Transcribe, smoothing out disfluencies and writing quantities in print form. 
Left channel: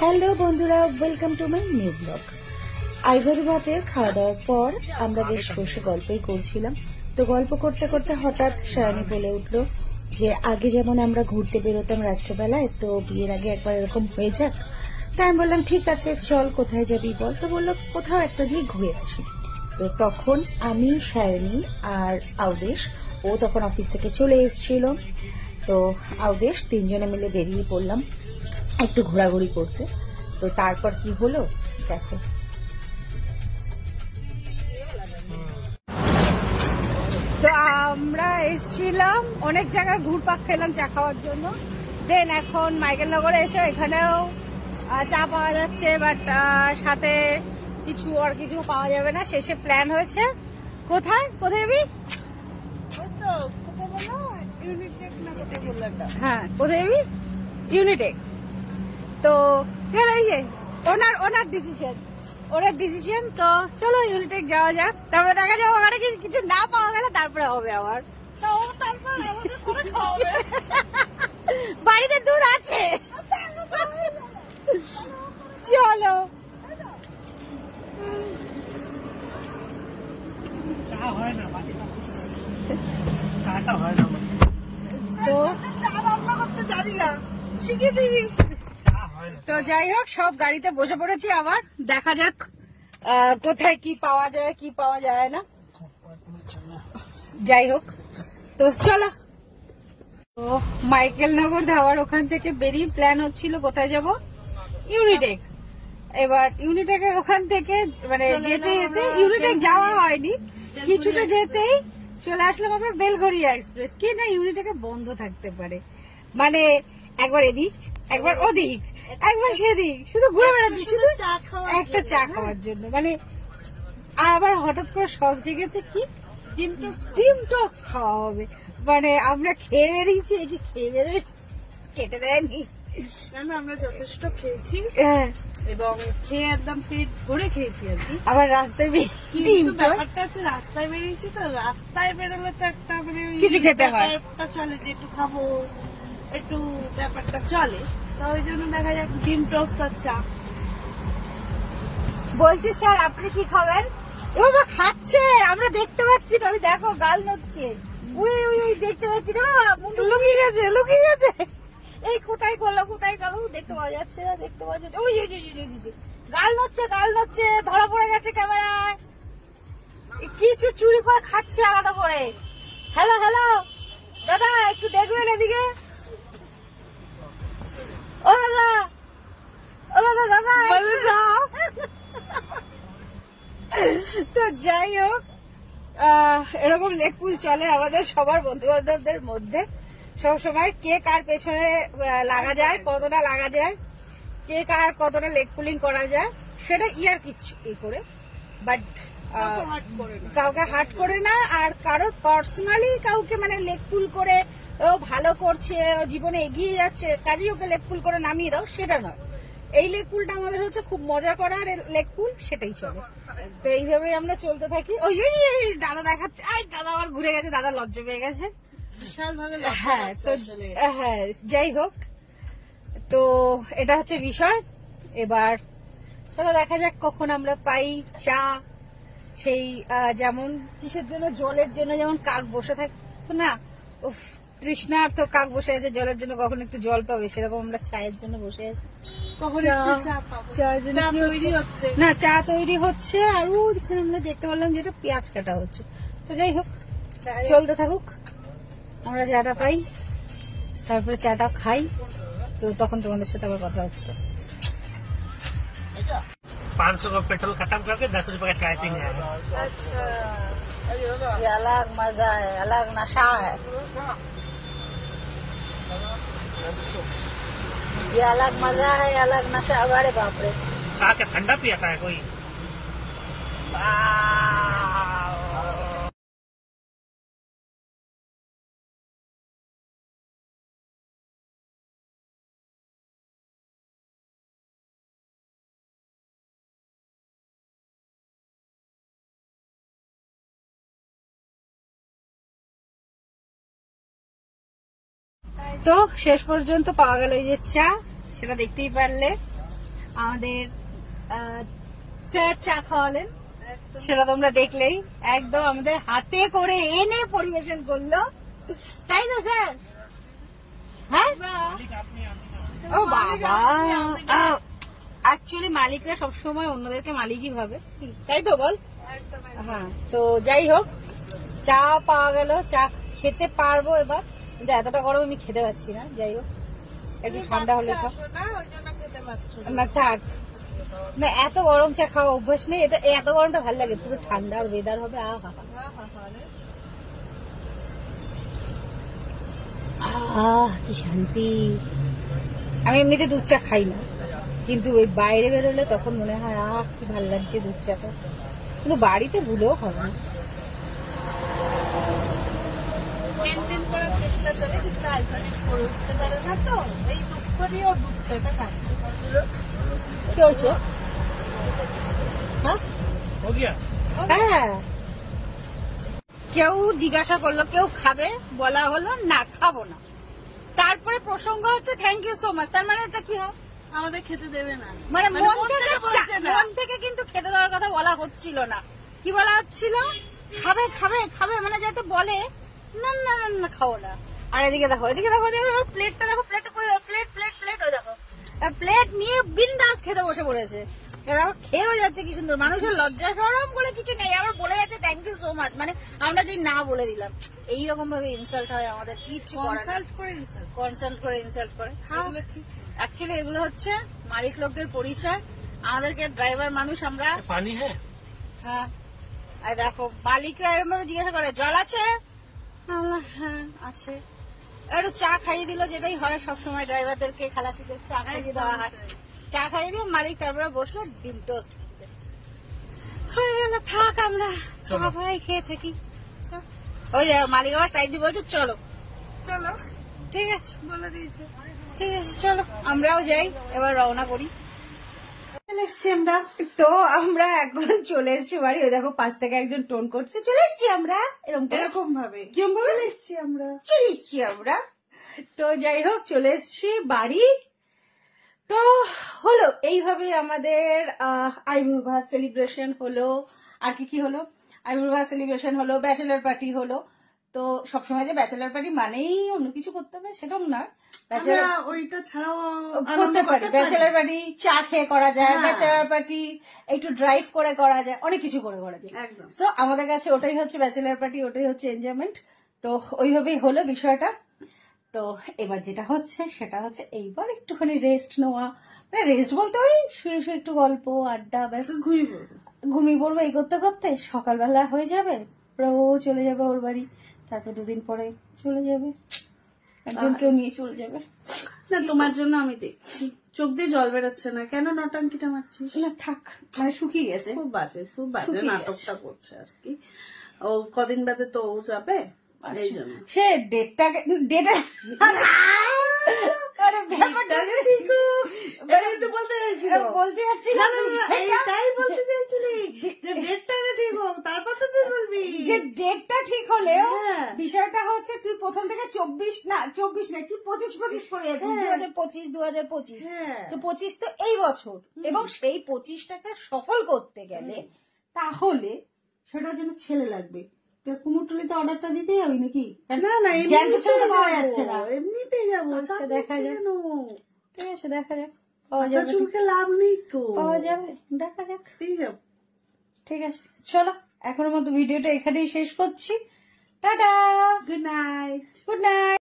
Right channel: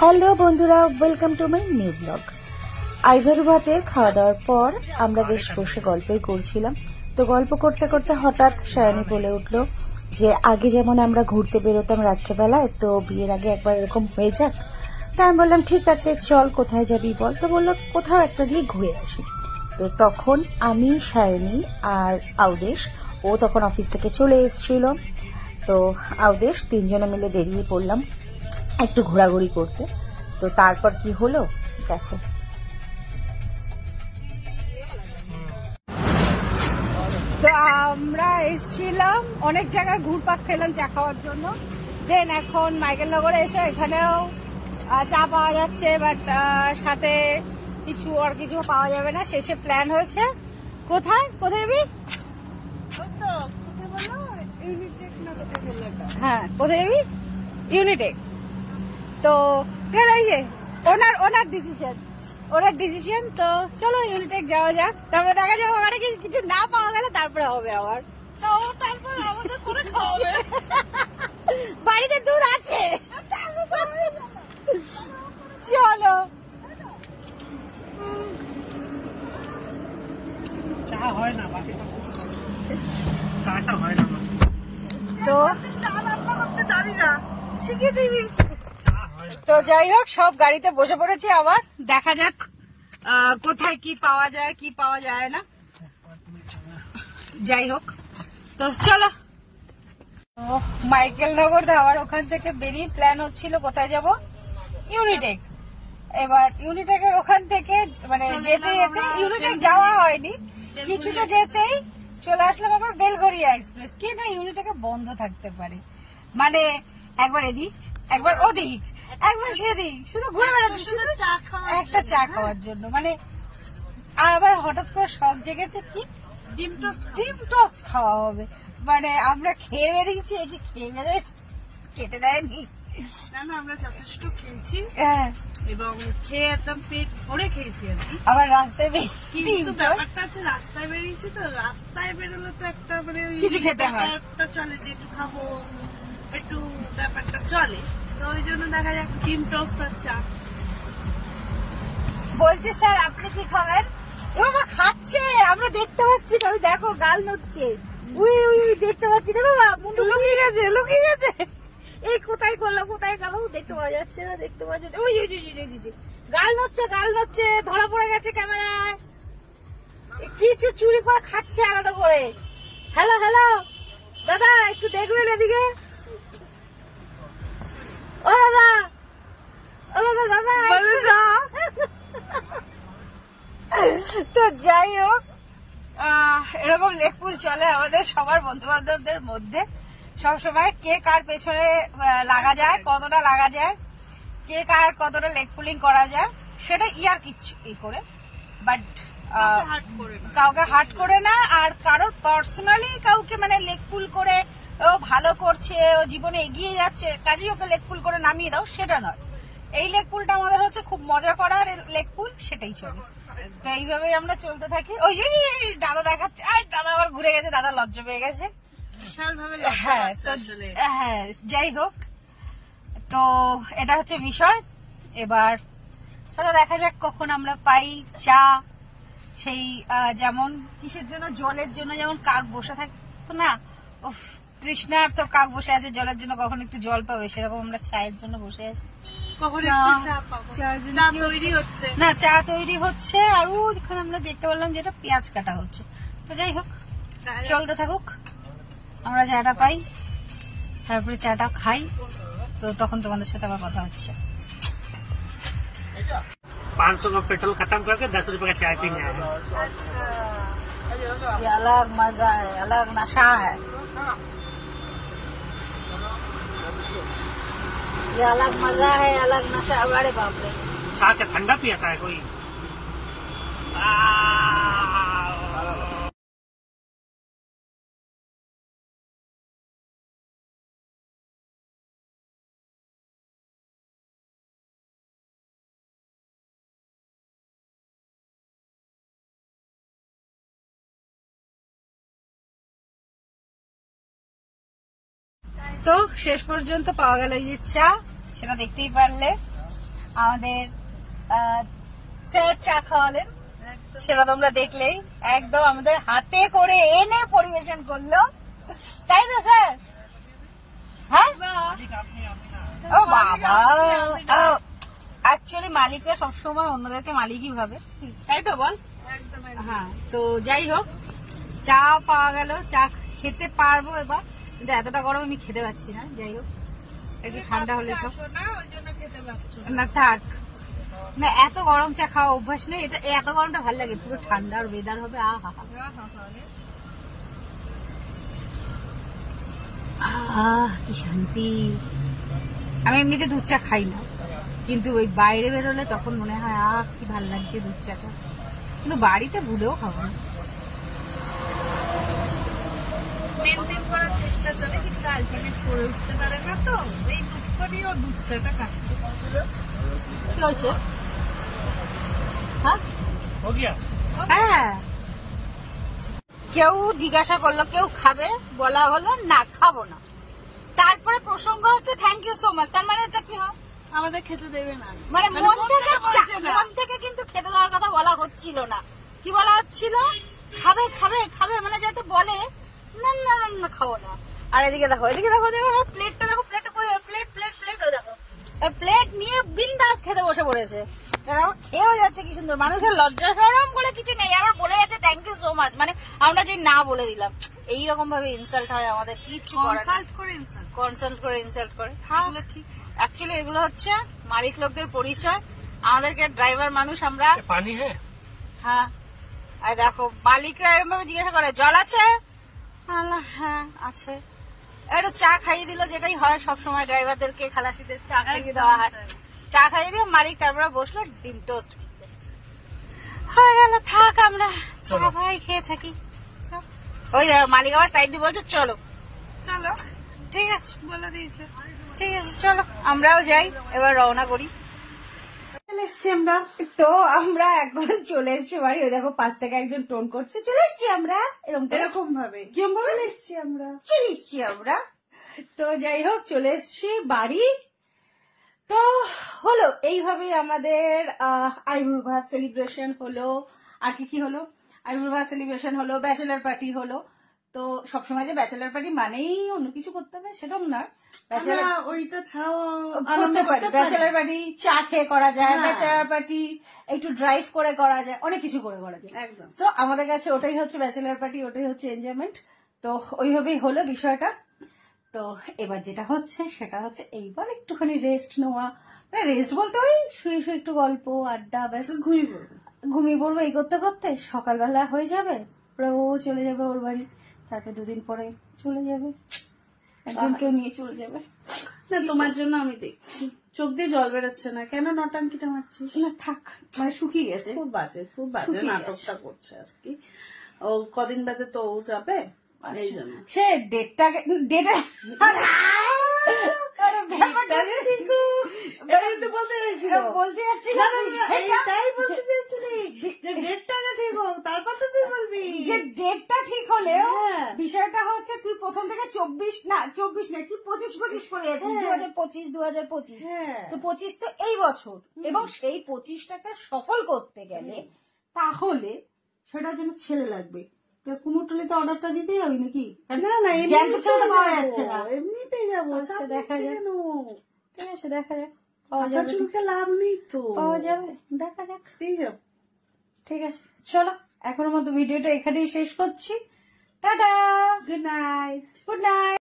Hello বন্ধুরা, welcome to my new blog. আইভারু ভাতের খাওয়া দাওয়ার পর আমরা বেশ বসে গল্পই করছিলাম। তো গল্প করতে করতে হঠাৎ সায়নী বলে উঠলো যে আগে যেমন আমরা ঘুরতে বেরোতাম রাত্রেবেলায়, তো বিয়ের আগে একবার এরকম হয়ে যাক। তা আমি বললাম ঠিক আছে চল, কোথায় যাবি বল। তো বললো কোথাও একটা দিয়ে ঘুরে আসি। তো তখন আমি, সায়নী আর আউদেশ, ও তখন অফিস থেকে চলে এসেছিল। তো আউদেশ তিনজনে মিলে বেরিয়ে পড়লাম একটু ঘোরাঘুরি করতে। তো তারপর কি হলো দেখো। তো আমরা এসেছিলাম অনেক জায়গায় ঘুরপাক খেলাম চা খাওয়ার জন্য। দেন এখন মাইকেলনগরে এসে এখানেও চা পাওয়া যাচ্ছে, বাট সাথে কিছু পাওয়া যাবে না। শেষে প্ল্যান হয়েছে কোথায় যাবি? হ্যাঁ, কোথায় যাবি? ইউনিটেক। তো ওনার ডিসিশন। তো চলো ইউনিটেক যাওয়া যাক, তারপরে দেখা যাবে ওখানে কিছু না পাওয়া গেলে তারপরে হবে আবার। বাড়িতে দুধ আছে, চলো। চা হয় না, বাকি সব চাটা হয় না। তো চা রান্না করতে জানি না, শিখিয়ে দিবি। তো যাই হোক, সব গাড়িতে বসে পড়েছি, আবার দেখা যাক কোথায় কি পাওয়া যায় কি পাওয়া যায় না। যাই হোক, তো চলো। তো মাইকেলনগর ধাবার ওখান থেকে বেরিয়ে প্ল্যান হচ্ছিল কোথায় যাব, ইউনিটেক। এবার ইউনিটেকের ওখান থেকে মানে যেতে যেতে ইউনিটেক যাওয়া হয়নি, কিছুটা যেতেই চলে আসলাম আবার বেলঘরিয়া এক্সপ্রেস। কি না ইউনিটেকে বন্ধ থাকতে পারে, মানে একবার এদিক একবার ওদিক একবার সেদিক, শুধু ঘুরে বেড়াচ্ছি শুধু একটা চা খাওয়ার জন্য। মানে আবার হঠাৎ করে শখ জেগেছে কি ডিম টোস্ট খাওয়া হবে। মানে আমরা খেয়ে বেরিয়েছি, কি খেয়ে বেরোয় খেতে দেয়নি। না আমরা যথেষ্ট খেয়েছি, হ্যাঁ, এবং খেয়ে একদম পেট ভরে খেয়েছি আর কি। আবার রাস্তায় কিন্তু ব্যাপারটা আছে, রাস্তায় বেরিয়েছি তো, রাস্তায় বেরোলে তো একটা মানে কিছু খেতে হয়, ব্যাপারটা চলে যে একটু খাবো, একটু ব্যাপারটা চলে। তো ওই জন্য দেখা যাক ডিম টোস্ট আর চা। বলছি স্যার আপনি কি খাবেন? ও বাবা খাচ্ছে, আমরা দেখতে পাচ্ছি। আমি দেখো গাল নড়ছে, উই দেখতে পাচ্ছি রে বাবা, মুন্ডু লুকিয়ে গেছে। এই কোথায় গেল দেখতে পাওয়া যাচ্ছে না, ওই গাল নড়ছে, ধরা পড়ে গেছে ক্যামেরায়। কিছু চুরি করে খাচ্ছে আলাদা করে। হ্যালো দাদা, একটু দেখবেন এদিকে। ও দাদা তো যাই হোক, এরকম লেকপুল চলে আমাদের সবার বন্ধু বান্ধবদের মধ্যে সবসময়। কে কার পেছনে লাগা যায়, কতটা লাগা যায়, কে কার কতটা লেগ পুলিং করা যায়, সেটা ইয়ার কিছু করে, বাট কাউকে হার্ট করে না। আর কারোর পার্সোনালি কাউকে মানে লেগ পুল করে ও ভালো করছে, ও জীবনে এগিয়ে যাচ্ছে, কাজেই ওকে লেগ পুল করে নামিয়ে দাও, সেটা নয়। এই লেগ পুলটা আমাদের হচ্ছে খুব মজা করার লেগ পুল, সেটাই চলে। তো এইভাবেই আমরা চলতে থাকি। ওই দাদা দেখাচ্ছে, দাদা আবার ঘুরে গেছে, দাদা লজ্জা পেয়ে গেছে বিশাল ভাবে। হ্যাঁ, যাই হোক, তো এটা হচ্ছে বিষয়। এবার চলো দেখা যাক কখন আমরা পাই চা। সেই যেমন কিসের জন্য, জলের জন্য যেমন কাক বসে থাকতো না, উফ তৃষ্ণার তো কাক বসে আছে জলের জন্য, কখন একটু জল পাবে, সেরকম আমরা চায়ের জন্য বসে আছি। চা তৈরি হচ্ছে, আর ওইখানে আমরা দেখতে পারলাম যেটা পেঁয়াজ কাটা হচ্ছে। তো যাই হোক, চলতে থাকুক, আমরা চাটা পাই, তারপরে চাটা খাই। তো তখন তোমাদের সাথে আবার কথা হচ্ছে। 500 का पेट्रोल खत्म करके 10 रुपए का चाय पीने आए। ये अलग मजा है, अलग नशा है, ये अलग मजा है, अलग नशा। बड़े बाप रे, साथ में ठंडा पिया है कोई? তো শেষ পর্যন্ত পাওয়া গেল এই যে চা, সেটা দেখতেই পারলে। আমাদের স্যার চা খাওয়ালেন, সেটা তোমরা দেখলেই। একদম আমাদের হাতে করে এনে পরিবেশন করলো, তাই তো স্যার? হ্যাঁ, ও বাবা, অ্যাকচুয়ালি মালিকরা সবসময় অন্যদেরকে মালিকই ভাবে, তাই তো বল? হ্যাঁ, তো যাই হোক, চা পাওয়া গেল, চা খেতে পারবো এবার, কিন্তু এতটা গরম আমি খেতে পারছি না। যাই হোক, একটু ঠান্ডা হলে খাও না, থাক না, এত গরম চা খাওয়া অভ্যাস নেই। এটা এত গরমটা ভালো লাগে, পুরো ঠান্ডা আর ওয়েদার হবে, কি শান্তি। আমি এমনিতে দুধ চা খাই না, কিন্তু ওই বাইরে বেরোলে তখন মনে হয় কি ভালো লাগছে দুধ চাটা, কিন্তু বাড়িতে ভুলেও খাবো না। মেনটেন করার চেষ্টা চলে, কিন্তু অল্টারনেট করে উঠতে পারে না, তো এই দুধ করিও দুধ চাটা খাচ্ছে। কি হয়েছে? হ্যাঁ, কেউ জিজ্ঞাসা করলো কেউ খাবে, বলা হলো না খাবো না, তারপরে প্রসঙ্গ হচ্ছে থ্যাংক ইউ সো মাচ। তার মানে এটা কি হয়? আমাদের খেতে দেবে না, মানে মন থেকে কিন্তু খেতে দেওয়ার কথা বলা হচ্ছিল না। কি বলা হচ্ছিল? খাবে খাবে খাবে, মানে যাতে বলে না না না খাবো না। আর এদিকে দেখো, এদিকে দেখো, প্লেটটা দেখো, প্লেট প্লেট প্লেট প্লেট ওই দেখো, প্লেট নিয়ে বিন্দাস খেতে বসে পড়েছে। দেখো খেয়েও যাচ্ছে কি সুন্দর। মানুষের লজ্জা শরম বলে কিছু নেই, আবার বলে যাচ্ছে থ্যাংক ইউ সো মাচ। মানে আমরা যে না বলে দিলাম, এইরকম ভাবে ইনসাল্ট হয় আমাদের, কিছু কনসাল্ট করে ইনসাল্ট করে। ঠিক অ্যাকচুয়ালি এগুলো হচ্ছে মালিক লোকদের পরিচয়। আমাদেরকে ড্রাইভার মানুষ আমরা, পানি হ্যাঁ, আর দেখো মালিকরা এরকম ভাবে জিজ্ঞাসা করে জল আছে, হ্যাঁ আছে, একটু চা খাইয়ে দিল, যেটাই হয় সবসময় ড্রাইভারদেরকে, খালাসিদের চা খাইয়ে দেওয়া হয়। চা খাইয়ে দিয়ে মালিক তারপরে বসলো ডিম টোস্ট হয়ে গেল। থাক আমরা চা ভাই খেয়ে থাকি। ওই মালিক আবার সাইড দিয়ে বলছে চলো চলো, ঠিক আছে, বলে দিয়েছে। ঠিক আছে চলো আমরাও যাই, এবার রওনা করি। এসছি আমরা, তো আমরা এখন চলে এসছি বাড়ি। ওই দেখো পাশ থেকে একজন টোন করছে, চলে এসছি আমরা, এরকম ভাবে চলে এসছি আমরা। তো যাই হোক, চলে এসছি বাড়ি। তো হলো এইভাবে আমাদের আইবুড়ো ভাত সেলিব্রেশন হলো। আর কি হলো? আইবুড়ো ভাত সেলিব্রেশন হলো, ব্যাচেলার পার্টি হলো। তো সবসময় যে ব্যাচেলার পার্টি মানেই অন্য কিছু করতে হবে সেটাও নয়, ওইটা ছাড়াও করতে পারি। ব্যাচেলার পার্টি চা খেয়ে করা যায়, ব্যাচেলার পার্টি একটু ড্রাইভ করে করা যায়, অনেক কিছু করে করা যায়। একদম। সো আমাদের কাছে ওটাই হচ্ছে ব্যাচেলার পার্টি, ওটাই হচ্ছে এনজয়মেন্ট। তো ওইভাবেই হলো বিষয়টা। তো এবার যেটা হচ্ছে সেটা হচ্ছে এইবার একটুখানি রেস্ট নেওয়া, মানে রেস্ট বলতে ওই শুয়ে শুয়ে একটু গল্প আড্ডা, ব্যাস ঘুমিয়ে পড়বো। এই করতে করতে সকালবেলা হয়ে যাবে, ও চলে যাবে ওর বাড়ি, তারপর দুদিন পরে চলে যাবে, একজনকেও নিয়ে চলে যাবে। না, তোমার জন্য আমি দেখছি চোখ দিয়ে জল বেরোচ্ছে না, কেন নাটাঙ্কিটা মারছিস? না থাক, মানে শুকিয়ে গেছে, খুব বাজে নাটকটা করছে আর কি। ও কদিন বাদে তো ও যাবে, এই জন্য সে ডেটটাকে বলতে যাচ্ছি, তাই বলতে চাইছিলি যে ডেটটাকে ঠিক হোক, তারপর তো তুই বলবি যে ডেটটা ঠিক হলেও হ্যাঁ। বিষয়টা হচ্ছে তুই প্রথম থেকে 24 না কি 25 করে যাচ্ছিস, 2025 হ্যাঁ। তো 25 তো এই বছর, এবং সেই 25টাকে সফল করতে গেলে তাহলে সেটার জন্য ছেলে লাগবে। কুমোরটুলি তো অর্ডারটা দিতেই হবে নাকি? না এমনিতে যাবো, দেখা যাক, ঠিক আছে দেখা যাক, পাওয়া যাবে, লাভ নেই তো, পাওয়া যাবে, দেখা যাক, যাবে। ঠিক আছে চলো, এখনের মতো ভিডিওটা এখানেই শেষ করছি। Tata, good night. Good night.